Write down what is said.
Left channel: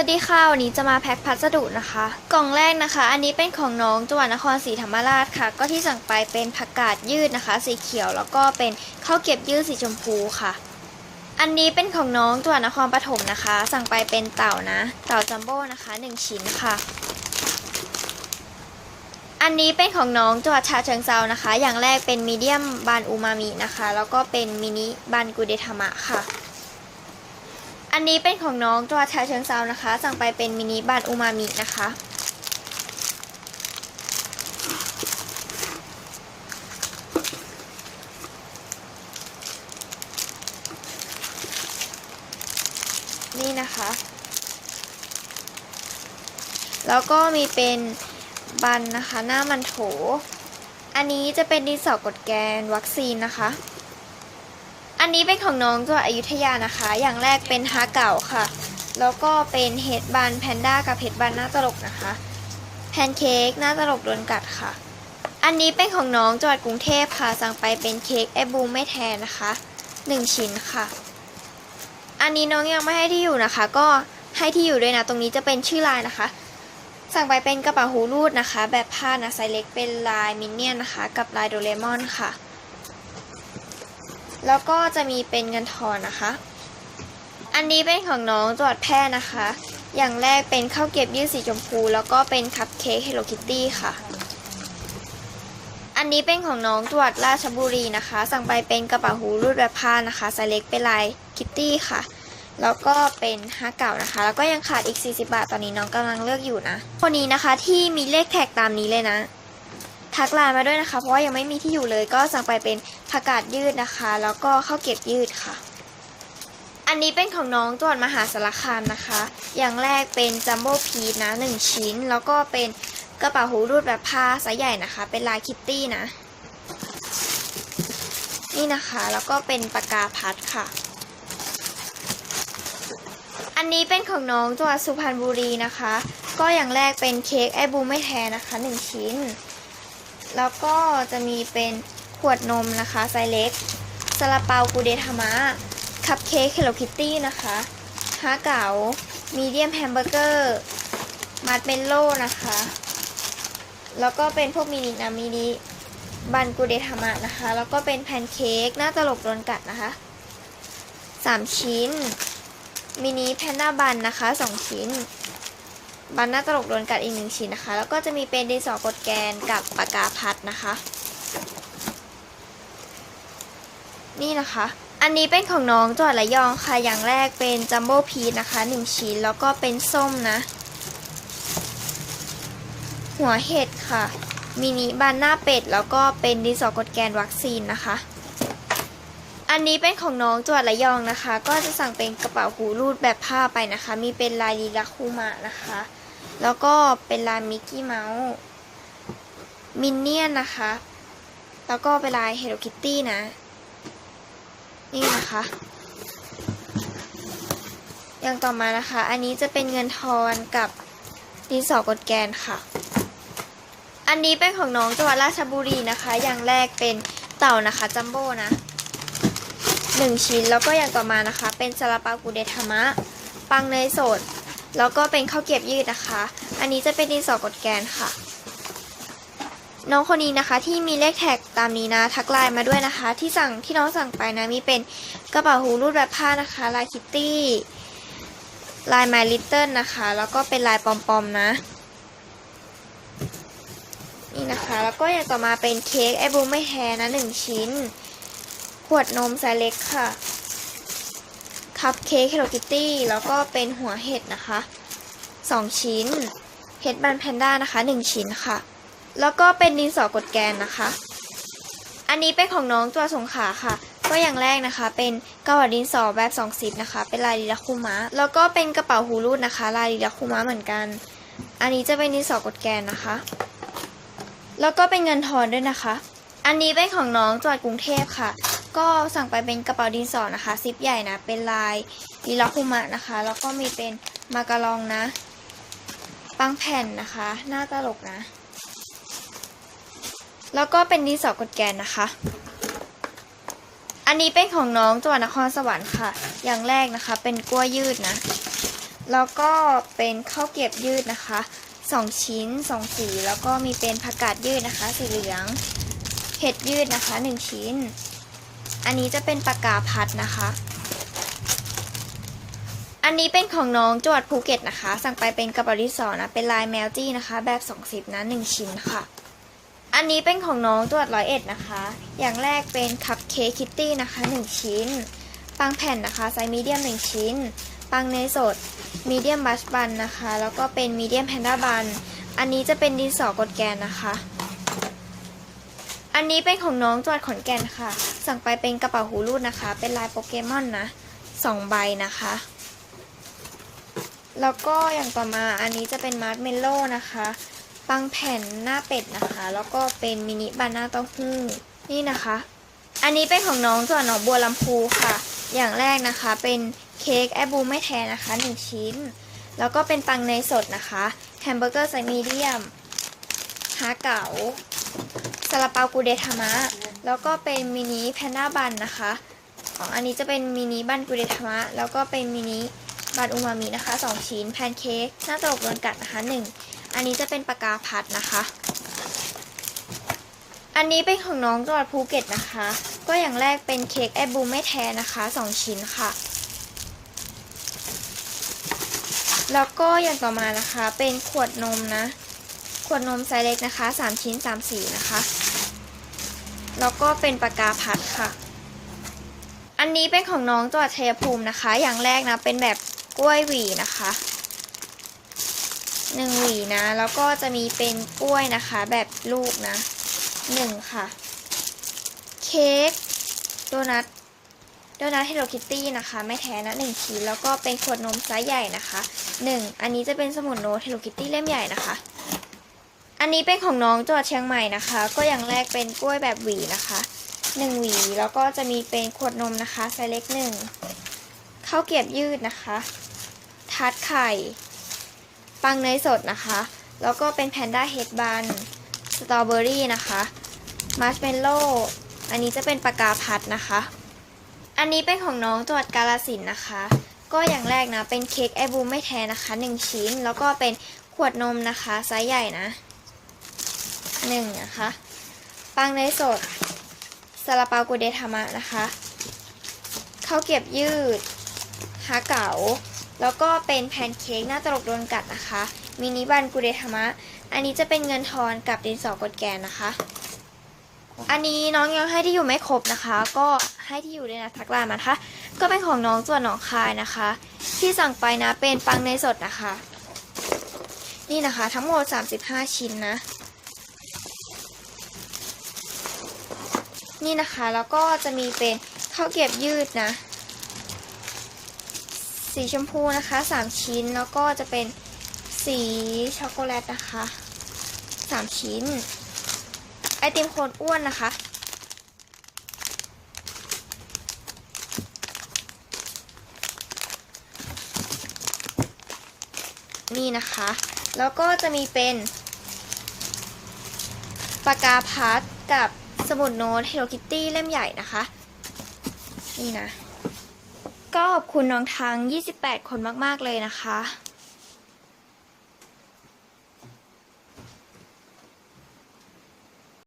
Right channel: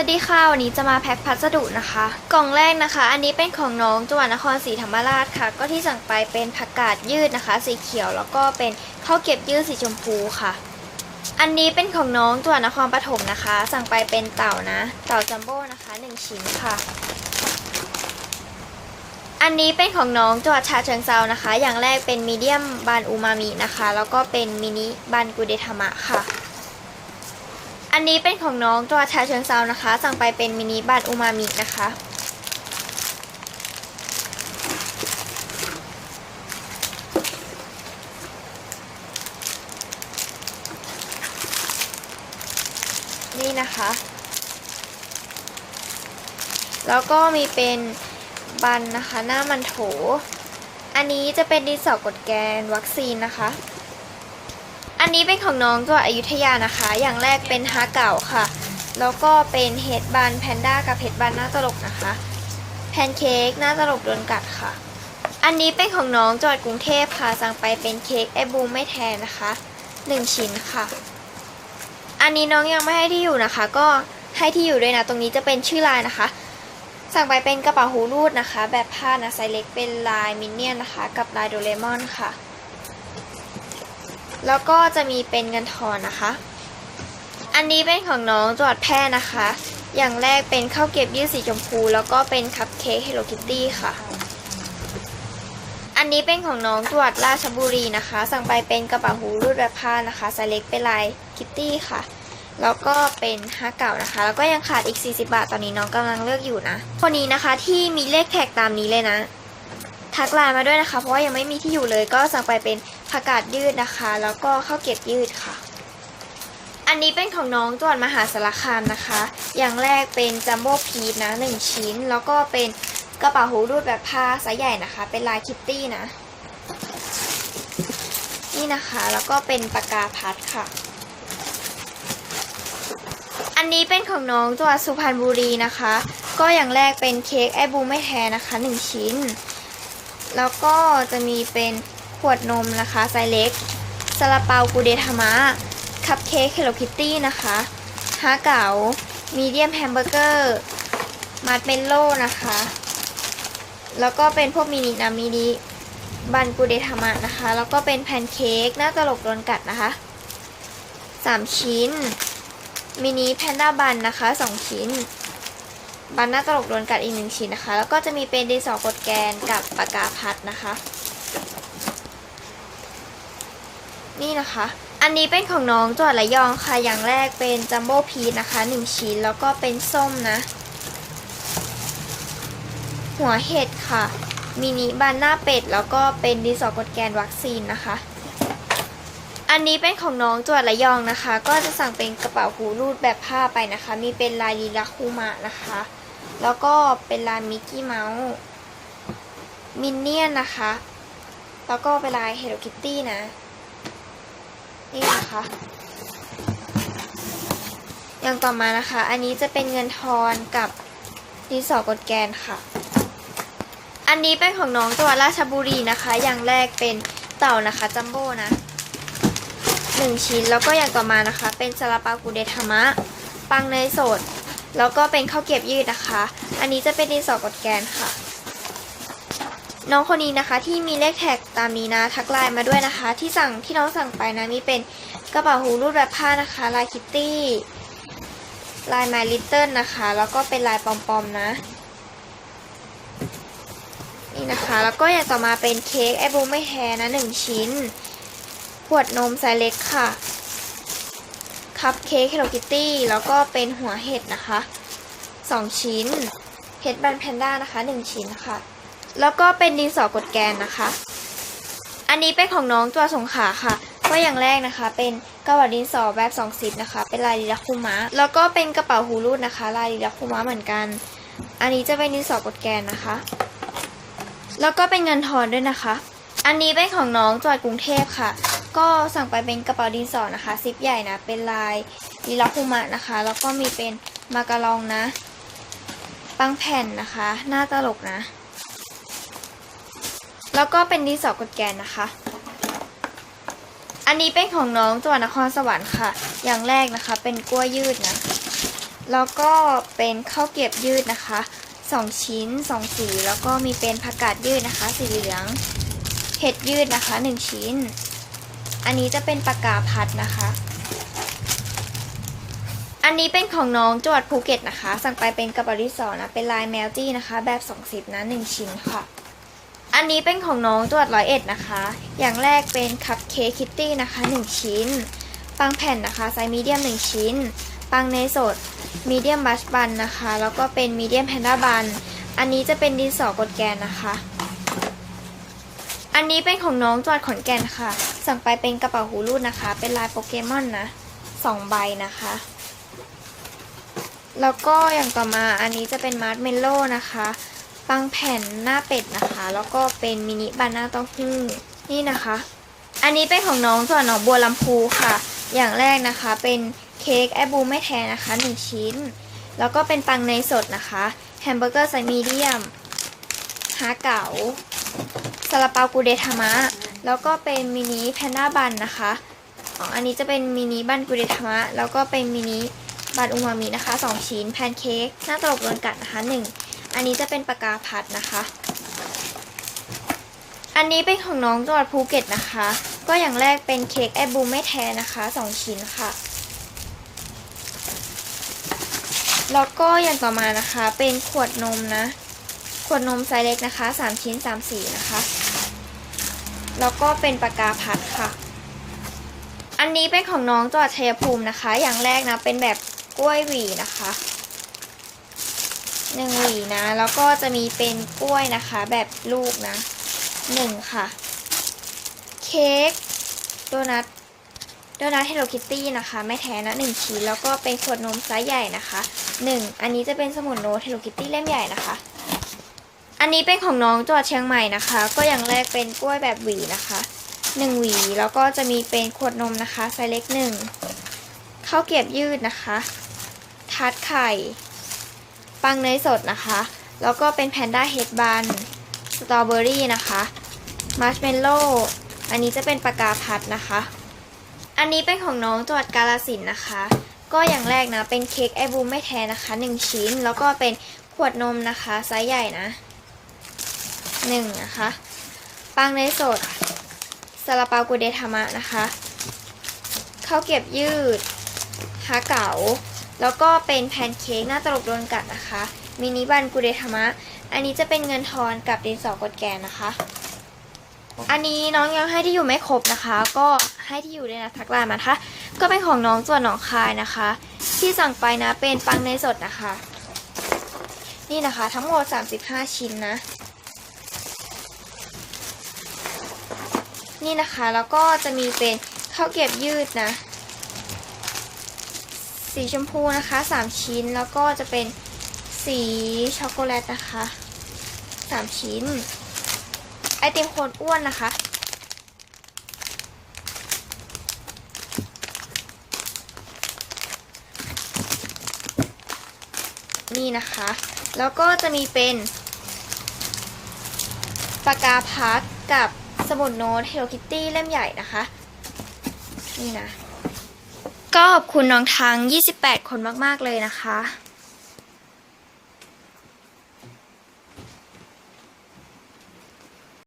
วัสดีค่ะ วันนี้จะมาแพ็คพัสดุนะคะ กล่องแรกนะคะ อันนี้เป็นของน้องจังหวัดนครศรีธรรมราชค่ะ ก็ที่สั่งไปเป็นผักกาดยืดนะคะ สีเขียวแล้วก็เป็นข้าวเก็บยืดสีชมพูค่ะ อันนี้เป็นของน้องจังหวัดนครปฐมนะคะ สั่งไปเป็นเต่านะ เต่าจัมโบ้นะคะหนึ่งชิ้นค่ะ อันนี้เป็นของน้องจังหวัดฉะเชิงเซานะคะ อย่างแรกเป็นมีเดียมบานอูมามินะคะ แล้วก็เป็นมินิบานกุเดทามะค่ะ อันนี้เป็นของน้องจังหวัดฉะเชิงเซานะคะ สั่งไปเป็นมินิบานอูมามินะคะ นี่นะคะ แล้วก็มีเป็นบันนะคะ หน้ามันโถ อันนี้จะเป็นดินสอกดแกนวัคซีนนะคะ อันนี้เป็นของน้องจังหวัดอยุธยานะคะ อย่างแรกเป็นฮาเก่าค่ะ แล้วก็เป็นเฮดบันแพนด้ากับเฮดบันหน้าตลกนะคะ แพนเค้กหน้าตลกโดนกัดค่ะ อันนี้เป็นของน้องจังหวัดกรุงเทพค่ะ สั่งไปเป็นเค้กไอบูมไม่แทนนะคะหนึ่งชิ้นค่ะ อันนี้น้องยังไม่ให้ที่อยู่นะคะ ก็ให้ที่อยู่ด้วยนะ ตรงนี้จะเป็นชื่อลายนะคะ สั่งไปเป็นกระเป๋าหูรูดนะคะ แบบผ้านะไซส์เล็กเป็นลายมินเนี่ยนนะคะ กับลายโดเรมอนค่ะ แล้วก็จะมีเป็นเงินทอนนะคะ อันนี้เป็นของน้องจวัดแพร่นะคะ อย่างแรกเป็นข้าวเกรี๊ยวยืดสีชมพู แล้วก็เป็นคัพเค้ก Hello Kitty ค่ะ อันนี้เป็นของน้องจวัดราชบุรีนะคะ สั่งไปเป็นกระเป๋าหูรูดแบบผ้านะคะไซส์เล็กเป็นลายคิตตี้ค่ะแล้วก็เป็นฮาเก่านะคะ แล้วก็ยังขาดอีก 40 บาท ตอนนี้น้องกำลังเลือกอยู่นะ คนนี้นะคะที่มีเลขแท็กตามนี้เลยนะ ทักไลน์มาด้วยนะคะ เพราะว่ายังไม่มีที่อยู่เลย ก็สั่งไปเป็น ผักกาดยืดนะคะ แล้วก็ข้าวเกรี๊ยวยืดค่ะ อันนี้เป็นของน้องจังหวัดมหาสารคามนะคะ อย่างแรกเป็นจัมโบ้พีชนะหนึ่งชิ้น แล้วก็เป็นกระเป๋าหูรูดแบบผ้าไซส์ใหญ่นะคะ เป็นลายคิตตี้นะ นี่นะคะ แล้วก็เป็นปากกาพัดค่ะ อันนี้เป็นของน้องจังหวัดสุพรรณบุรีนะคะ ก็อย่างแรกเป็นเค้กไอบูไม่แท้นะคะหนึ่งชิ้น แล้วก็จะมีเป็น ขวดนมนะคะไซส์เล็กซาลาเปากูเดทามะ คัพเค้ก Hello Kitty นะคะฮาเก๋ามีเดียมแฮมเบอร์เกอร์มัดเมลโล่นะคะ แล้วก็เป็นพวกมินินะมินิบันกูเดทามะนะคะ แล้วก็เป็นแพนเค้กหน้าตลกโดนกัดนะคะสามชิ้น มินิแพนด้าบันนะคะสองชิ้น บันหน้าตลกโดนกัดอีกหนึ่งชิ้นนะคะ แล้วก็จะมีเป็นดินสอกดแกนกับปากกาพัดนะคะ นี่นะคะ อันนี้เป็นของน้องจังหวัดระยองค่ะ อย่างแรกเป็นจัมโบ้พีชนะคะหนึ่งชิ้น แล้วก็เป็นส้มนะ หัวเห็ดค่ะ มินิบานหน้าเป็ด แล้วก็เป็นดินสอกดแกนวัคซีนนะคะ อันนี้เป็นของน้องจังหวัดระยองนะคะ ก็จะสั่งเป็นกระเป๋าหูรูดแบบผ้าไปนะคะ มีเป็นลายลีลาคูมะนะคะ แล้วก็เป็นลายมิกกี้เมาส์ มินเนี่ยนนะคะ แล้วก็เป็นลายเฮลโลคิตตี้นะ นี่นะคะ อย่างต่อมานะคะ อันนี้จะเป็นเงินทอนกับดินสอกดแกนค่ะ อันนี้เป็นของน้องจังหวัดราชบุรีนะคะ อย่างแรกเป็นเต่านะคะจัมโบ้นะหนึ่งชิ้นแล้วก็อย่างต่อมานะคะ เป็นซาลาเปากูเดทามะ ปังเนยสด แล้วก็เป็นข้าวเกี๊ยวยืดนะคะ อันนี้จะเป็นดินสอกดแกนค่ะ น้องคนนี้นะคะที่มีเลขแท็กตามนี้นะทักไลน์มาด้วยนะคะ ที่สั่งที่น้องสั่งไปนะมีเป็นกระเป๋าหูรูดแบบผ้านะคะลายคิตตี้ลายไมลิตเติ้ลนะคะ แล้วก็เป็นลายปอมๆนะนี่นะคะแล้วก็อย่างต่อมาเป็นเค้กไอบูไม่แฮนะหนึ่งชิ้น ขวดนมไซส์เล็กค่ะ คัพเค้ก Hello Kitty แล้วก็เป็นหัวเห็ดนะคะสองชิ้น เห็ดบันแพนด้านะคะหนึ่งชิ้นค่ะ แล้วก็เป็นดินสอกดแกนนะคะ อันนี้เป็นของน้องตัวสงขลาค่ะ ก็อย่างแรกนะคะ เป็นกระเป๋าดินสอแบบสองซิปนะคะ เป็นลายลีลาคุมะ แล้วก็เป็นกระเป๋าหูรูดนะคะ ลายลีลาคุมะเหมือนกัน อันนี้จะเป็นดินสอกดแกนนะคะ แล้วก็เป็นเงินทอนด้วยนะคะ อันนี้เป็นของน้องจังหวัดกรุงเทพค่ะ ก็สั่งไปเป็นกระเป๋าดินสอนะคะซิปใหญ่นะ เป็นลายลีลาคุมะนะคะ แล้วก็มีเป็นมาการองนะ ปังแผ่นนะคะ หน้าตลกนะ แล้วก็เป็นดินสอกดแกนนะคะ อันนี้เป็นของน้องจังหวัดนครสวรรค์ค่ะ อย่างแรกนะคะ เป็นกล้วยยืดนะ แล้วก็เป็นข้าวเกรียบยืดนะคะสองชิ้นสองสี แล้วก็มีเป็นผักกาดยืดนะคะ สีเหลือง เห็ดยืดนะคะหนึ่งชิ้น อันนี้จะเป็นปากกาพัดนะคะ อันนี้เป็นของน้องจังหวัดภูเก็ตนะคะ สั่งไปเป็นกระเป๋าดิสอนะ เป็นลายแมวจี้นะคะ แบบสองสิบนะหนึ่งชิ้นค่ะ อันนี้เป็นของน้องจังหวัดร้อยเอ็ดนะคะ อย่างแรกเป็นคัพเค้กคิตตี้นะคะหนึ่งชิ้น ปังแผ่นนะคะไซส์มีเดียมหนึ่งชิ้น ปังเนยสดมีเดียมบัชบันนะคะ แล้วก็เป็นมีเดียมแพนด้าบัน อันนี้จะเป็นดินสอกดแกนนะคะ อันนี้เป็นของน้องจังหวัดขอนแก่นค่ะ สั่งไปเป็นกระเป๋าหูรูดนะคะ เป็นลายโปเกมอนนะสองใบนะคะ แล้วก็อย่างต่อมาอันนี้จะเป็นมาร์ชเมลโล่นะคะ ปังแผ่นหน้าเป็ดนะคะ แล้วก็เป็นมินิบานาเต้าหู้นี่นะคะ อันนี้เป็นของน้องจังหวัดหนองบัวลำพูค่ะ อย่างแรกนะคะเป็นเค้กแอบูไม่แท้นะคะหนึ่งชิ้น แล้วก็เป็นปังเนสดนะคะแฮมเบอร์เกอร์ไซส์มีเดียมฮาเก๋าซาลาเปากูเดทามะ แล้วก็เป็นมินิแพนด้าบันนะคะอ๋ออันนี้จะเป็นมินิบันกูเดทามะ แล้วก็เป็นมินิบันอูมามินะคะสองชิ้นแพนเค้กหน้าตลกโดนกัดนะคะหนึ่ง อันนี้จะเป็นปากกาพัดนะคะ อันนี้เป็นของน้องจังหวัดภูเก็ตนะคะ ก็อย่างแรกเป็นเค้กแอบบูไม่แท้นะคะสองชิ้นค่ะแล้วก็อย่างต่อมานะคะเป็นขวดนมนะ ขวดนมไซส์เล็กนะคะสามชิ้นสามสีนะคะ แล้วก็เป็นปากกาพัดค่ะ อันนี้เป็นของน้องจังหวัดชัยภูมินะคะ อย่างแรกนะเป็นแบบกล้วยหวีนะคะ หนึ่งหวีนะ แล้วก็จะมีเป็นกล้วยนะคะ แบบลูกนะหนึ่งค่ะ เค้กโดนัทโดนัทเฮลโลคิตตี้นะคะ ไม่แท้นะหนึ่งชิ้นแล้วก็เป็นขวดนมไซส์ใหญ่นะคะหนึ่งอันนี้จะเป็นสมุนโน้ตเฮลโลคิตตี้เล่มใหญ่นะคะ อันนี้เป็นของน้องจังหวัดเชียงใหม่นะคะ ก็อย่างแรกเป็นกล้วยแบบหวีนะคะหนึ่งหวีแล้วก็จะมีเป็นขวดนมนะคะไซส์เล็กหนึ่งข้าวเกียบยืดนะคะ ทัดไข่ ปังเนยสดนะคะ แล้วก็เป็นแพนด้าเฮดบันสตรอเบอรี่นะคะมาร์ชเมลโล่อันนี้จะเป็นปากกาพัดนะคะ อันนี้เป็นของน้องจังหวัดกาลสินนะคะ ก็อย่างแรกนะ เป็นเค้กไอบูมไม่แท้นะคะหนึ่งชิ้น แล้วก็เป็นขวดนมนะคะไซส์ใหญ่นะหนึ่งนะคะ ปังเนยสดซาลาเปากูเดทามะนะคะข้าวเกรียบยืดฮาเก๋า แล้วก็เป็นแพนเค้กหน้าตลกโดนกัดนะคะ มินิบันกูเดทามะ อันนี้จะเป็นเงินทอนกับดินสอกดแกนนะคะ อันนี้น้องยังให้ที่อยู่ไม่ครบนะคะ ก็ให้ที่อยู่ด้วยนะทักไลน์มานะคะ ก็เป็นของน้องส่วนหนองคายนะคะ ที่สั่งไปนะเป็นปังเนสดนะคะ นี่นะคะ ทั้งหมด 35 ชิ้นนะ นี่นะคะแล้วก็จะมีเป็นข้าวเกรียบยืดนะ สีชมพูนะคะ 3 ชิ้นแล้วก็จะเป็นสีช็อกโกแลตนะคะ 3 ชิ้น ไอติมคนอ้วนนะคะ นี่นะคะ แล้วก็จะมีเป็นปากกาพัดกับสมุดโน้ต Hello Kitty เล่มใหญ่นะคะ นี่นะ ก็ขอบคุณน้องทั้ง 28 คนมาก ๆ เลยนะคะ